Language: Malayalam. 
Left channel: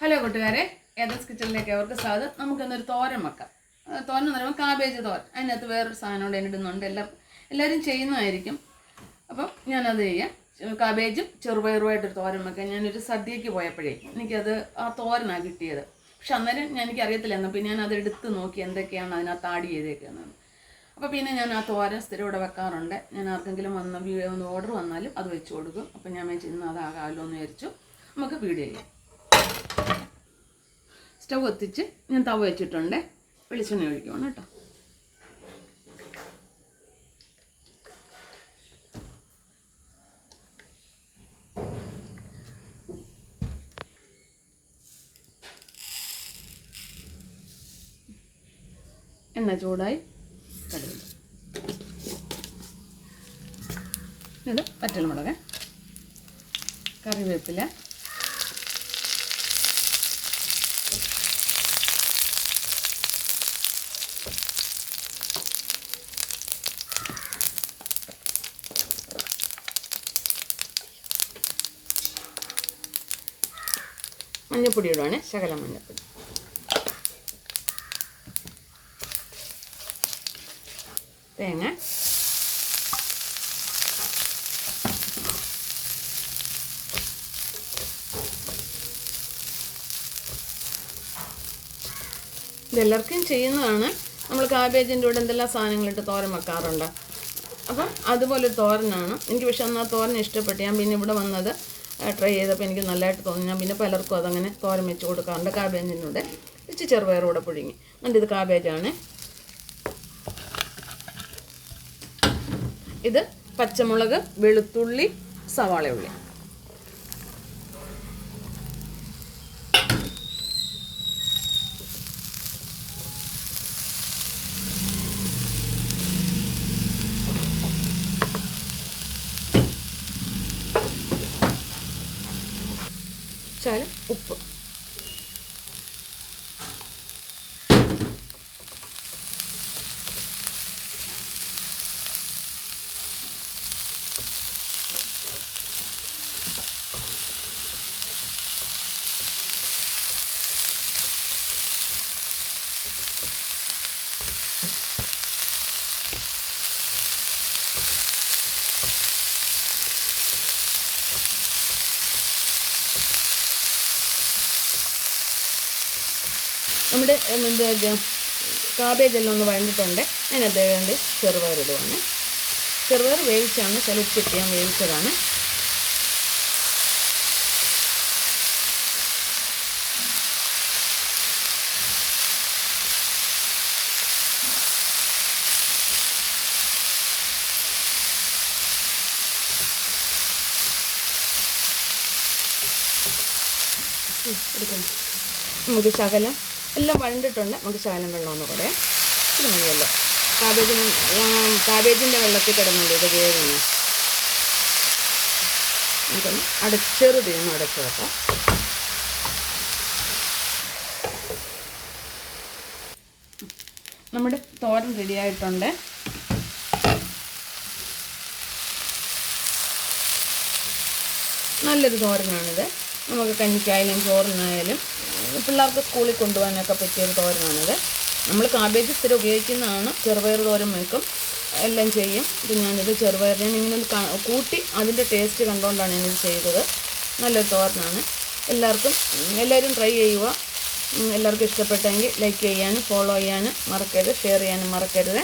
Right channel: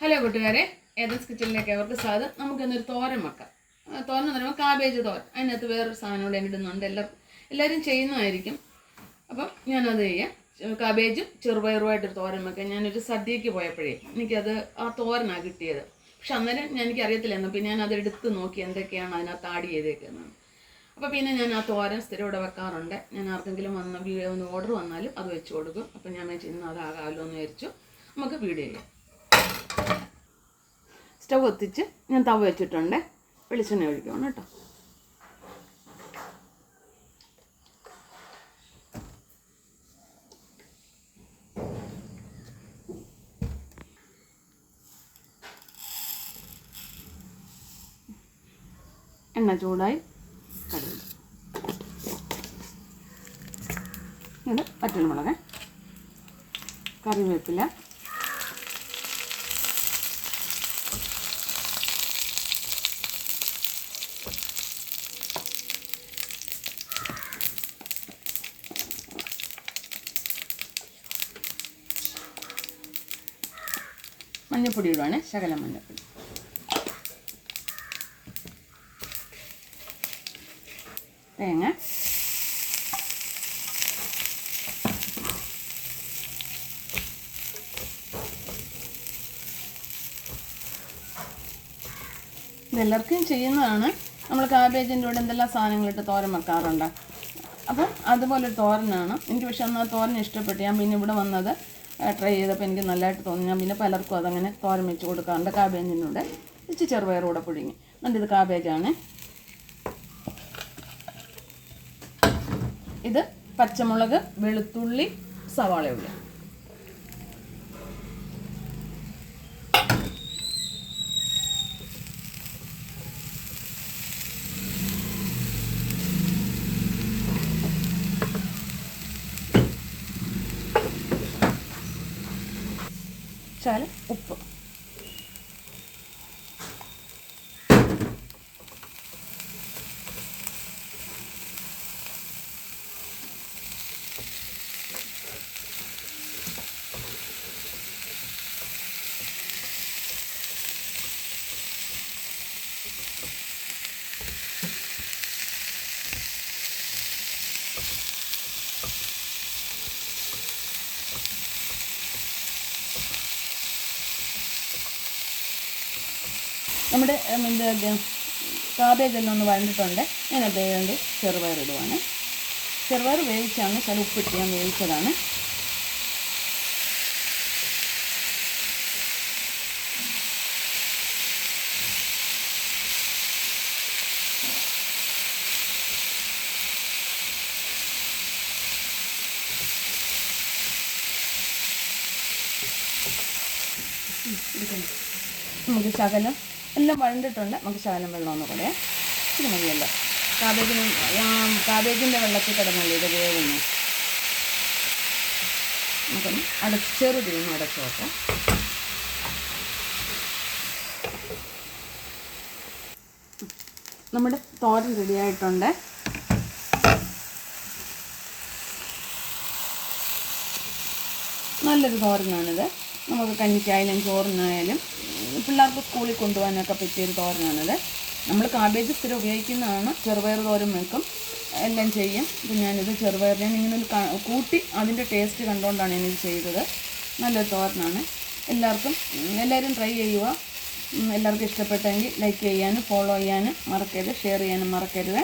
ഹലോ കൂട്ടുകാരെ ഏതൻസ് കിച്ചണിലേക്ക് അവർക്ക് സ്വാഗതം. നമുക്കിന്നൊരു തോരൻ വെക്കാം. തോരൻ എന്ന് പറയുമ്പോൾ കാബേജ് തോരൻ. അതിനകത്ത് വേറൊരു സാധനം കൂടെ ഇടുന്നുണ്ട് എല്ലാവരും എല്ലാവരും ചെയ്യുന്നതായിരിക്കും. അപ്പം ഞാനത് ചെയ്യാം. കാബേജും ചെറുപയറുമായിട്ടൊരു തോരൻ വെക്കാം. ഞാനൊരു സദ്യക്ക് പോയപ്പോഴേ എനിക്കത് ആ തോരനാണ് കിട്ടിയത്. പക്ഷെ അന്നേരം എനിക്ക് അറിയത്തില്ലായിരുന്നു പിന്നെ ഞാൻ എടുത്ത് നോക്കി എന്തൊക്കെയാണ് അതിനകത്ത് ആഡ് ചെയ്തേക്കുന്നത് അപ്പോൾ പിന്നെ ഞാൻ ആ തോരൻ സ്ഥിരം ഇവിടെ വെക്കാറുണ്ട്. ഞാൻ ആർക്കെങ്കിലും വന്ന വീഡിയോ ഓർഡർ വന്നാലും അത് വെച്ച് കൊടുക്കും. അപ്പം ഞാൻ ചെയ്യുന്ന അതാകാമല്ലോ എന്ന് വിചാരിച്ചു. നമുക്ക് വീഡിയോ ചെയ്യാം. സ്റ്റവ് കത്തിച്ച് ഞാൻ തവ വെച്ചിട്ടുണ്ട്. വെളിച്ചെണ്ണ ഒഴിക്കണം കേട്ടോ. എണ്ണ ചൂടായി കടുക്. ഇത് പറ്റണമുളക് കറിവേപ്പില മഞ്ഞൾപ്പൊടി ഇടുവാണ് ശകലം മഞ്ഞൾപ്പൊടി തേങ്ങ. ഇതെല്ലാവർക്കും ചെയ്യുന്നതാണ്. നമ്മൾ കാബേജിന്റെ കൂടെ എന്തെല്ലാം സാധനങ്ങളിട്ട് തോരൻ വെക്കാറുണ്ട്. അപ്പം അതുപോലെ തോരനാണ്. എനിക്ക് പക്ഷെ അന്ന് ആ തോരൻ ഇഷ്ടപ്പെട്ടു ഞാൻ പിന്നെ ഇവിടെ വന്നത് ട്രൈ ചെയ്തപ്പോൾ എനിക്ക് നല്ലതായിട്ട് തോന്നി. ഞാൻ പിന്നെ പലർക്കും അതങ്ങനെ തോരൻ വെച്ച് കൊടുക്കാറുണ്ട്. കാബേജിന്റെ ഇച്ചി ചെറുപയറൂടെ പുഴുങ്ങി. എന്നിട്ട് ഇത് കാബേജാണ്. ഇത് പച്ചമുളക് വെളുത്തുള്ളി സവാള ഉള്ളി. ശകലം ഉപ്പ് നമ്മുടെ എന്താ കാബേജ് എല്ലാം ഒന്ന് വഴഞ്ഞിട്ടുണ്ട് ഞാൻ അദ്ദേഹം ചെറുപയർ ഇടുവാണ്. ചെറുപയർ വേവിച്ചാണ് ചില ഉപ്പിട്ട് ഞാൻ വേവിച്ചതാണ്. നമുക്ക് ശകലം എല്ലാം വഴണ്ടിട്ടുണ്ട്. നമുക്ക് ശകലം വെള്ളം ഒന്ന് കൂടെ ഇത് മതിയല്ലോ. കാബേജിന് കാബേജിന്റെ വെള്ളത്തിൽ കിടന്നുള്ളൂ ഇത് വേറെ നമുക്കൊന്ന് അടച്ചെറുതിന്ന് അടച്ചു വെക്കാം. നമ്മുടെ തോരൻ റെഡിയായിട്ടുണ്ട് നല്ലൊരു തോരനാണിത്. നമുക്ക് കഞ്ഞിക്കായാലും ചോറിനായാലും പിള്ളേർക്ക് സ്കൂളിൽ കൊണ്ടുപോകാനൊക്കെ പറ്റിയൊരു തോരനാണിത്. നമ്മൾ കാബേജ് സ്ഥിരം ഉപയോഗിക്കുന്നതാണ്. ചെറുപയർ തോരൻ വെക്കും. എല്ലാം ചെയ്യും. ഇത് ഞാനിത് ചെറുപയർ ഞാൻ ഇങ്ങനെ കൂട്ടി അതിന്റെ ടേസ്റ്റ് കണ്ടുകൊണ്ടാണ് ഞാനിത് ചെയ്തത്. നല്ല തോരനാണ്. എല്ലാവർക്കും എല്ലാവരും ട്രൈ ചെയ്യുക. എല്ലാവർക്കും ഇഷ്ടപ്പെട്ടെങ്കിൽ ലൈക്ക് ചെയ്യാനും ഫോളോ ചെയ്യാനും മറക്കരുത്. ഷെയർ ചെയ്യാനും മറക്കരുത്.